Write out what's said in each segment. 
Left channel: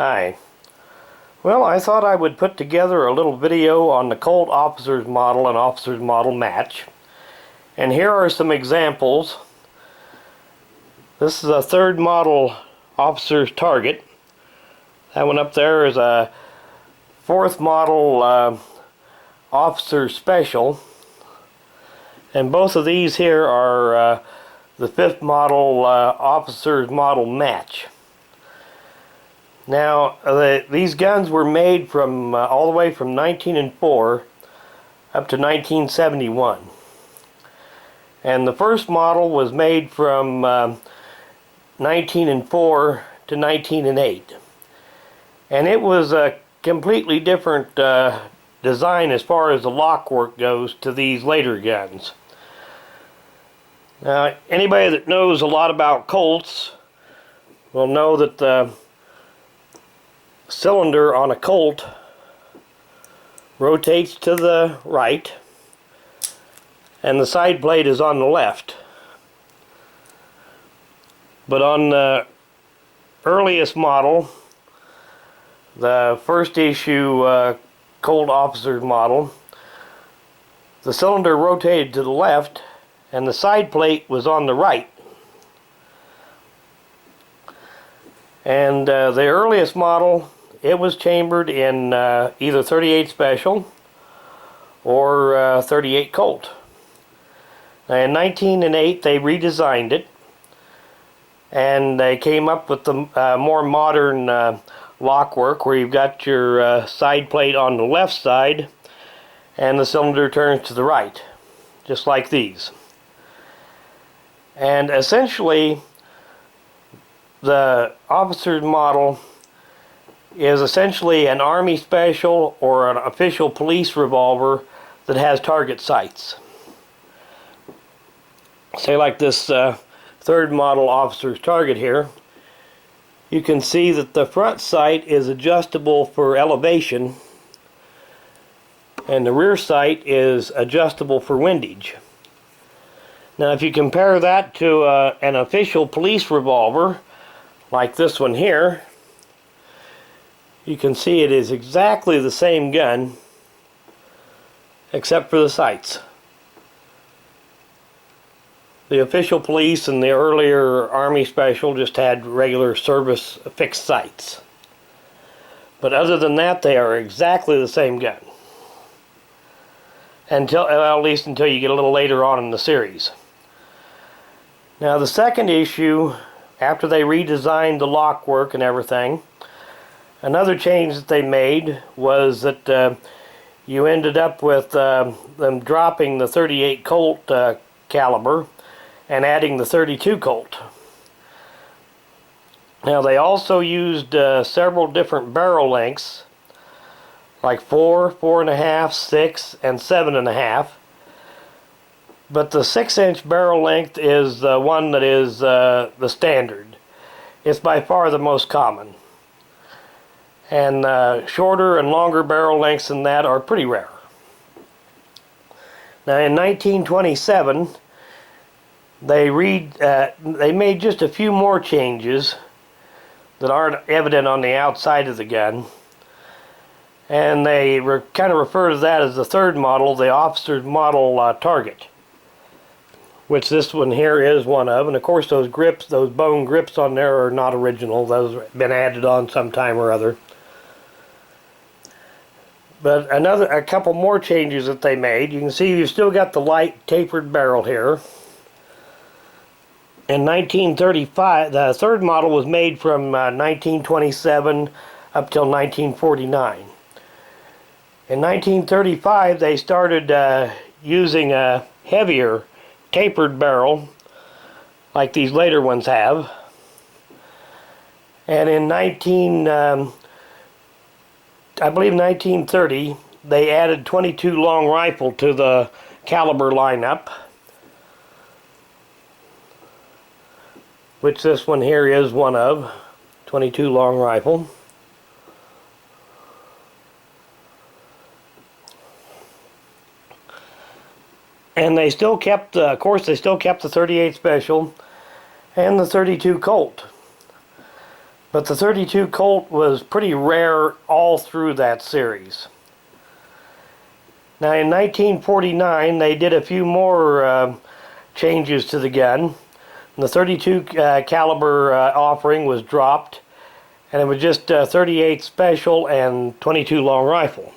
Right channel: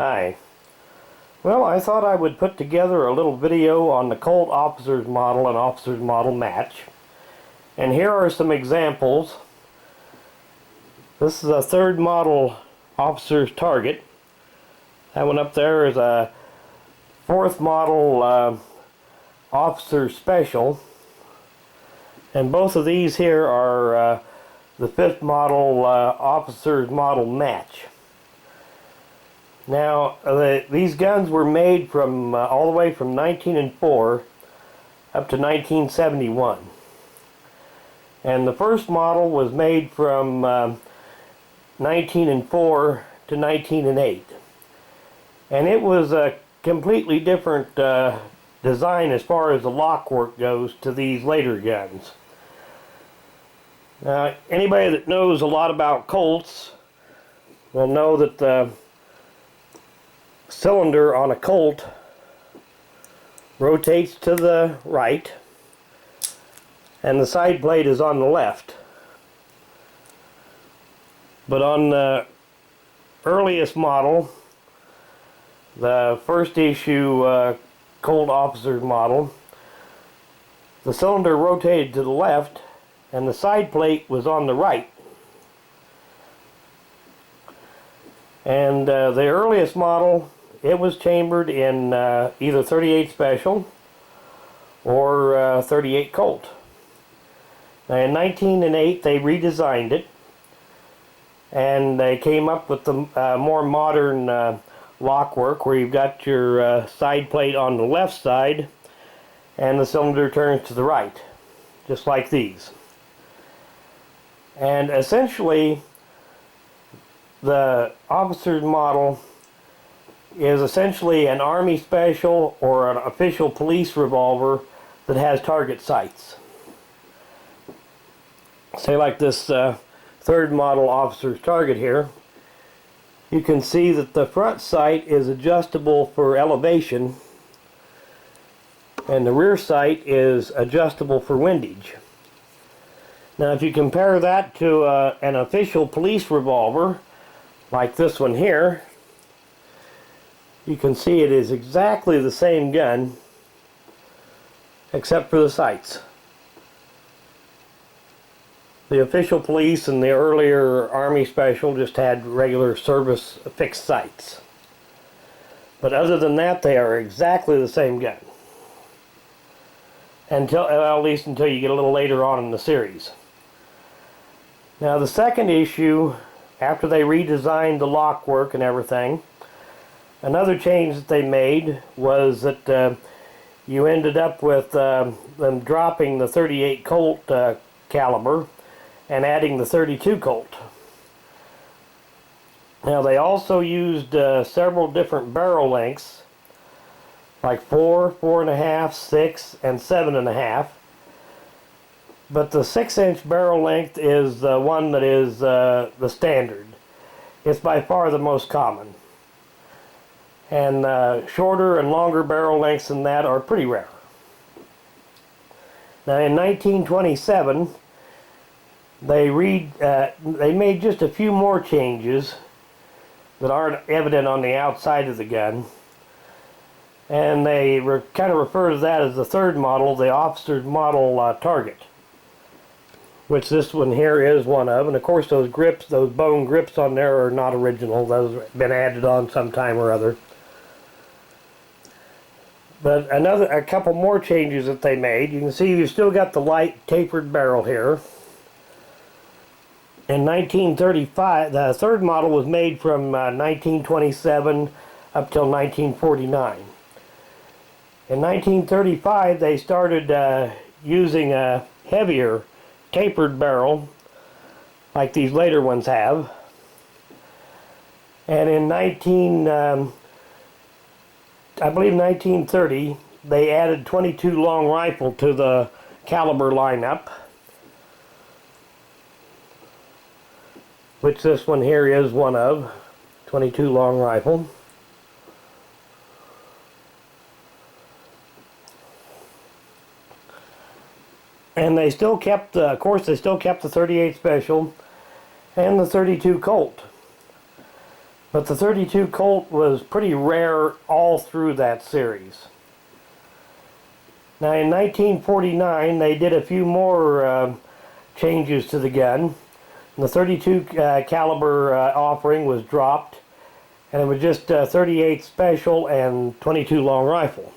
Hi. Well, I thought I would put together a little video on the Colt Officer's model and Officer's model match. And here are some examples. This is a third model Officer's target. That one up there is a fourth model Officer's special. And both of these here are the fifth model Officer's model match. Now, these guns were made from all the way from 1904 up to 1971. And the first model was made from 1904 to 1908. And it was a completely different design as far as the lock work goes to these later guns. Now, anybody that knows a lot about Colts will know that the cylinder on a Colt rotates to the right and the side plate is on the left. But on the earliest model, the first issue Colt Officer model, the cylinder rotated to the left and the side plate was on the right. And the earliest model, it was chambered in either 38 Special or 38 Colt. Now in 1908 they redesigned it and they came up with the more modern lock work where you've got your side plate on the left side and the cylinder turns to the right, just like these. And essentially the Officer's model is essentially an Army Special or an official police revolver that has target sights. Say like this third model Officer's target here, you can see that the front sight is adjustable for elevation and the rear sight is adjustable for windage. Now if you compare that to an official police revolver like this one here, you can see it is exactly the same gun except for the sights. The official police and the earlier Army Special just had regular service fixed sights. But other than that, they are exactly the same gun. Until, well, at least until you get a little later on in the series. Now the second issue, after they redesigned the lock work and everything, another change that they made was that you ended up with them dropping the 38 Colt caliber and adding the 32 Colt. Now they also used several different barrel lengths, like 4, 4.5, 6, and 7.5. But the 6-inch barrel length is the one that is the standard. It's by far the most common. And shorter and longer barrel lengths than that are pretty rare. Now in 1927 they made just a few more changes that aren't evident on the outside of the gun, and they kind of refer to that as the third model, the Officer's model target, which this one here is one of. And of course those grips, those bone grips on there are not original. Those have been added on sometime or other. But a couple more changes that they made. You can see you've still got the light tapered barrel here. In 1935, the third model was made from 1927 up till 1949. In 1935, they started using a heavier tapered barrel, like these later ones have. And in I believe 1930, they added 22 long rifle to the caliber lineup, which this one here is one of, 22 long rifle. And they still kept, of course, they still kept the 38 Special and the 32 Colt. But the 32 Colt was pretty rare all through that series. Now in 1949 they did a few more changes to the gun. The 32 caliber offering was dropped, and it was just 38 special and 22 long rifle.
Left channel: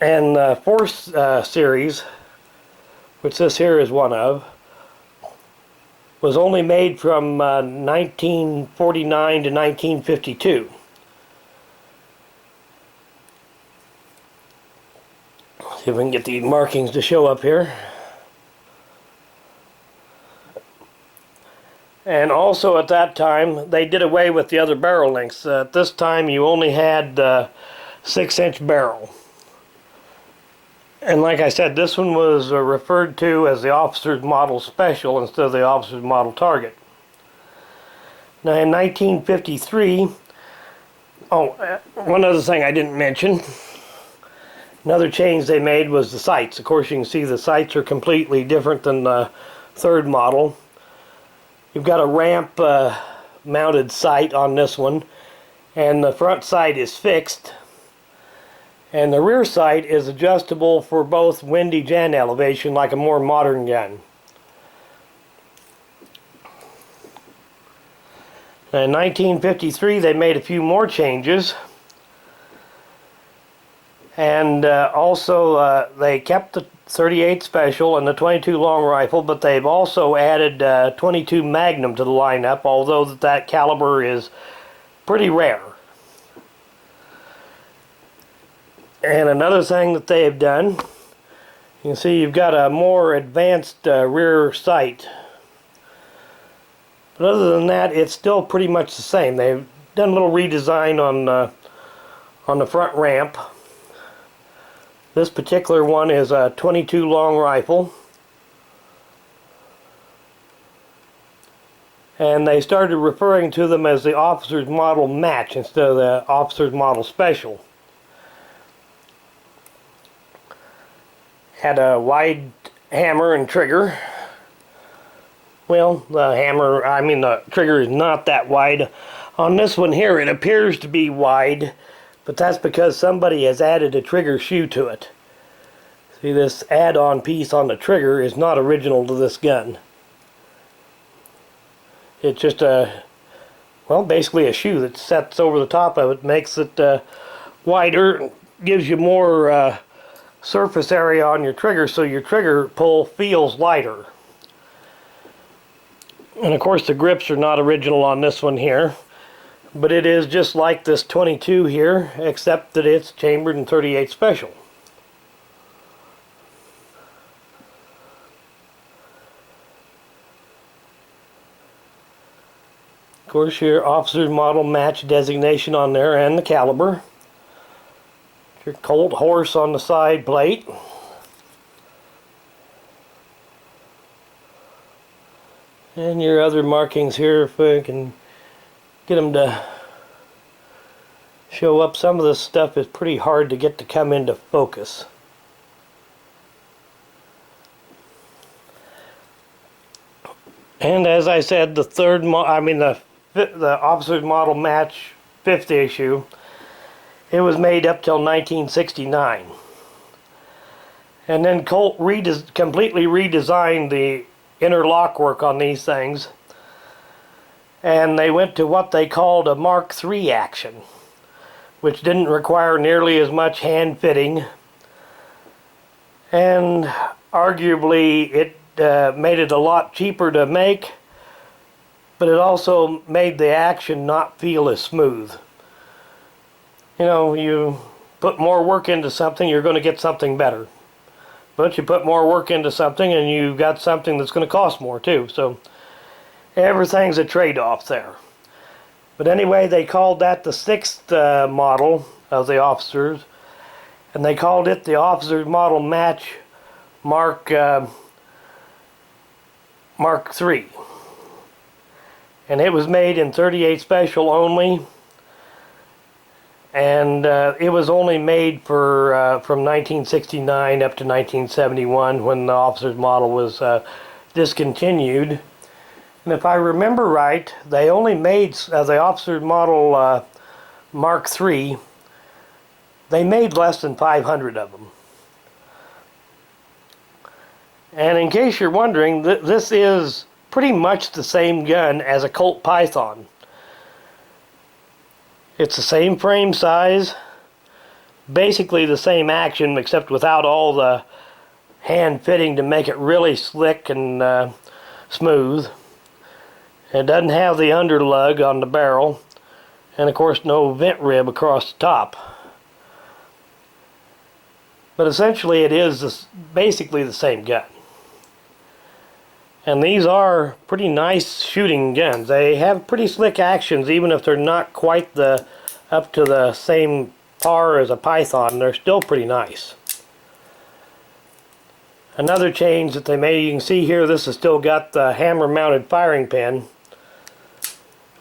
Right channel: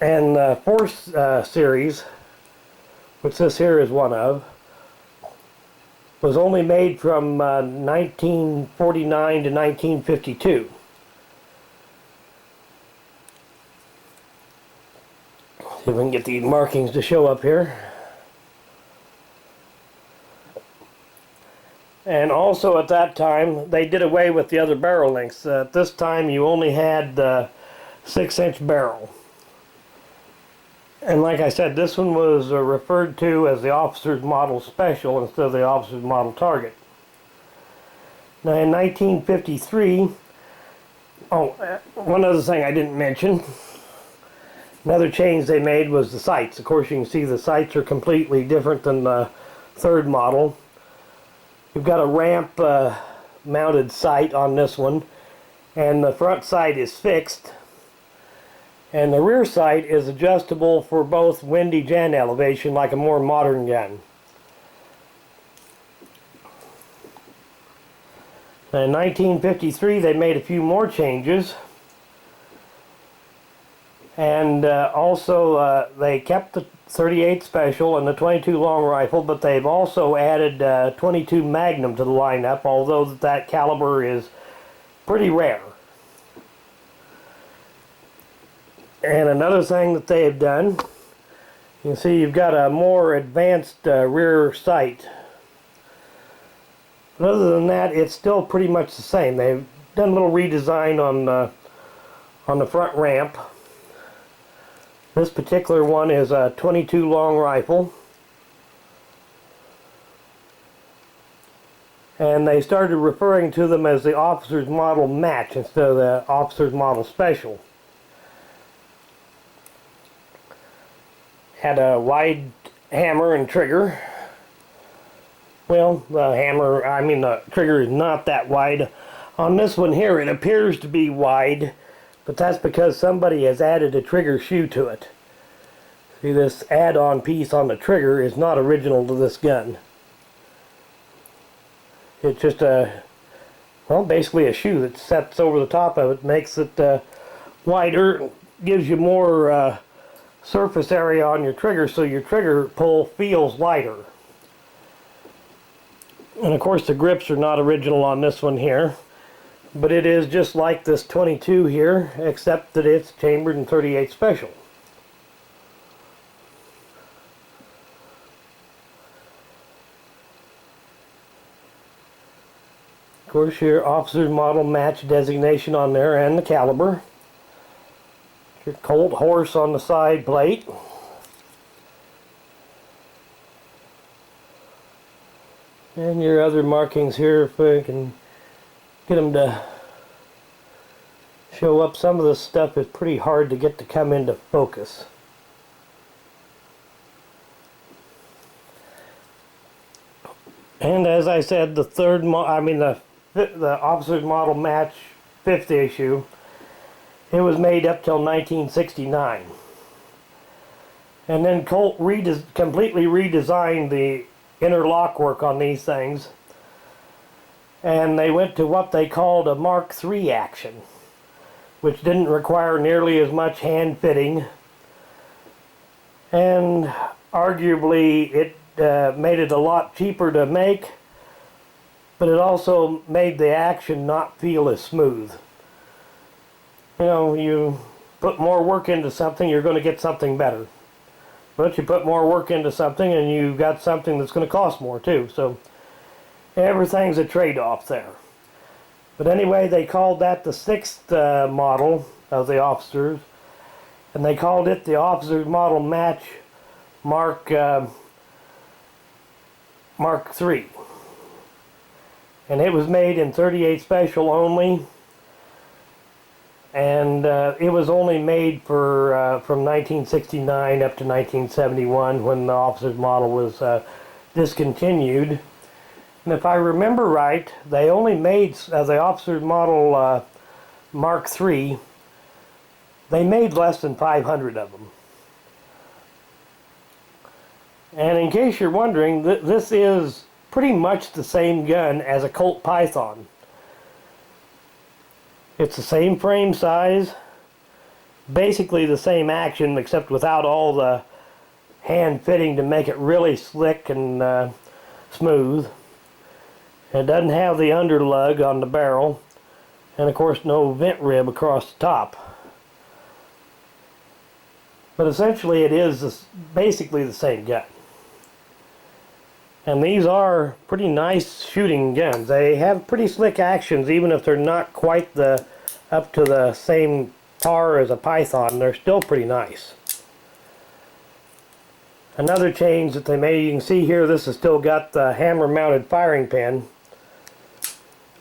And the fourth series, which this here is one of, was only made from 1949 to 1952. See if we can get the markings to show up here. And also at that time, they did away with the other barrel lengths. At this time, you only had 6-inch barrel. And like I said, this one was referred to as the Officer's Model Special instead of the Officer's Model Target. Now in 1953, one other thing I didn't mention. Another change they made was the sights. Of course, you can see the sights are completely different than the third model. You've got a ramp mounted sight on this one, and the front sight is fixed. And the rear sight is adjustable for both windage and elevation, like a more modern gun. In 1953, they made a few more changes. And also they kept the 38 special and the 22 long rifle, but they've also added 22 Magnum to the lineup, although that caliber is pretty rare. And another thing that they have done, you can see you've got a more advanced rear sight. But other than that, it's still pretty much the same. They've done a little redesign on the front ramp. This particular one is a 22 long rifle. And they started referring to them as the Officer's Model Match instead of the Officer's Model Special. Had a wide hammer and trigger. Well, the trigger is not that wide. On this one here, it appears to be wide, but that's because somebody has added a trigger shoe to it. See, this add-on piece on the trigger is not original to this gun. It's just basically a shoe that sets over the top of it, makes it wider, gives you more surface area on your trigger, so your trigger pull feels lighter. And of course the grips are not original on this one here, but it is just like this 22 here, except that it's chambered in 38 special. Of course, your Officer's Model Match designation on there and the caliber. Your Colt horse on the side plate. And your other markings here, if I can get them to show up. Some of this stuff is pretty hard to get to come into focus. And as I said, the Officer's Model Match 5th issue, it was made up till 1969. And then Colt completely redesigned the inner lock work on these things, and they went to what they called a Mark III action, which didn't require nearly as much hand fitting, and arguably it made it a lot cheaper to make, but it also made the action not feel as smooth. You know, you put more work into something, you're going to get something better. But you put more work into something and you've got something that's going to cost more too. So everything's a trade-off there. But anyway, they called that the 6th model of the officers, and they called it the Officer's Model Match Mark III. And it was made in 38 special only. And it was only made for from 1969 up to 1971 when the Officer's Model was discontinued. And if I remember right, they only made the Officer Model Mark III. They made less than 500 of them. And in case you're wondering, this is pretty much the same gun as a Colt Python. It's the same frame size, basically the same action, except without all the hand fitting to make it really slick and smooth. It doesn't have the underlug on the barrel, and of course no vent rib across the top. But essentially it is basically the same gun. And these are pretty nice shooting guns. They have pretty slick actions, even if they're not quite up to the same par as a Python. They're still pretty nice. Another change that they made, you can see here, this has still got the hammer mounted firing pin.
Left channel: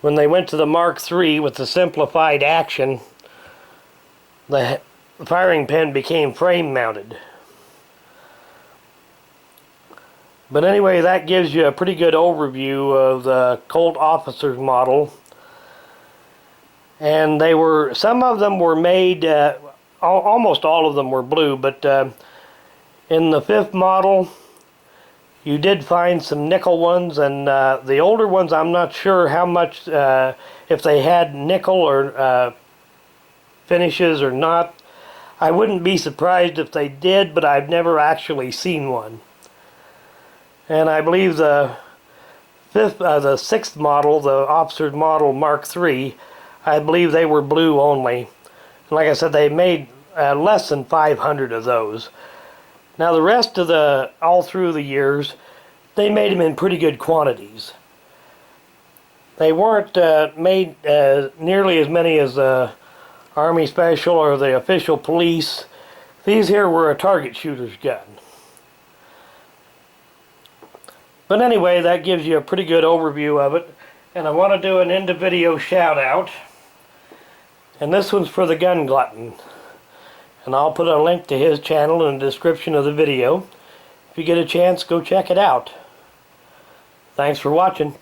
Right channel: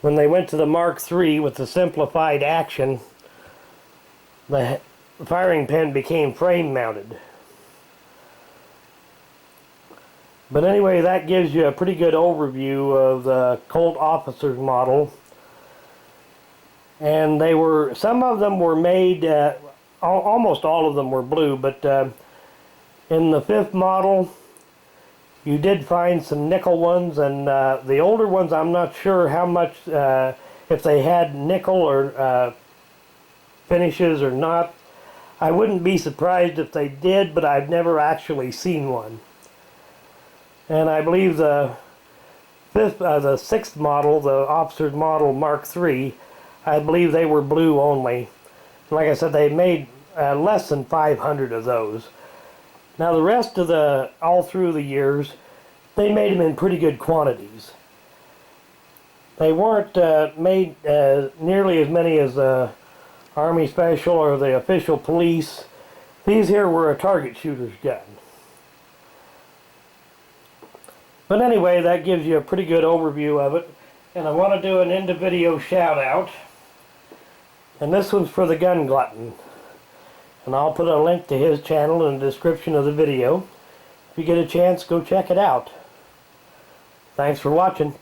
When they went to the Mark III with the simplified action, the firing pin became frame mounted. But anyway, that gives you a pretty good overview of the Colt Officer's model. And some of them were made, almost all of them were blue, but in the 5th model, you did find some nickel ones, and the older ones, I'm not sure how much, if they had nickel or finishes or not. I wouldn't be surprised if they did, but I've never actually seen one. And I believe the 6th model, the Officer's Model Mark III, I believe they were blue only. Like I said, they made less than 500 of those. Now the rest of all through the years, they made them in pretty good quantities. They weren't made nearly as many as the Army Special or the official police. These here were a target shooter's gun. But anyway, that gives you a pretty good overview of it. And I want to do an end of video shout out. And this one's for the Gun Glutton. And I'll put a link to his channel in the description of the video. If you get a chance, go check it out. Thanks for watching.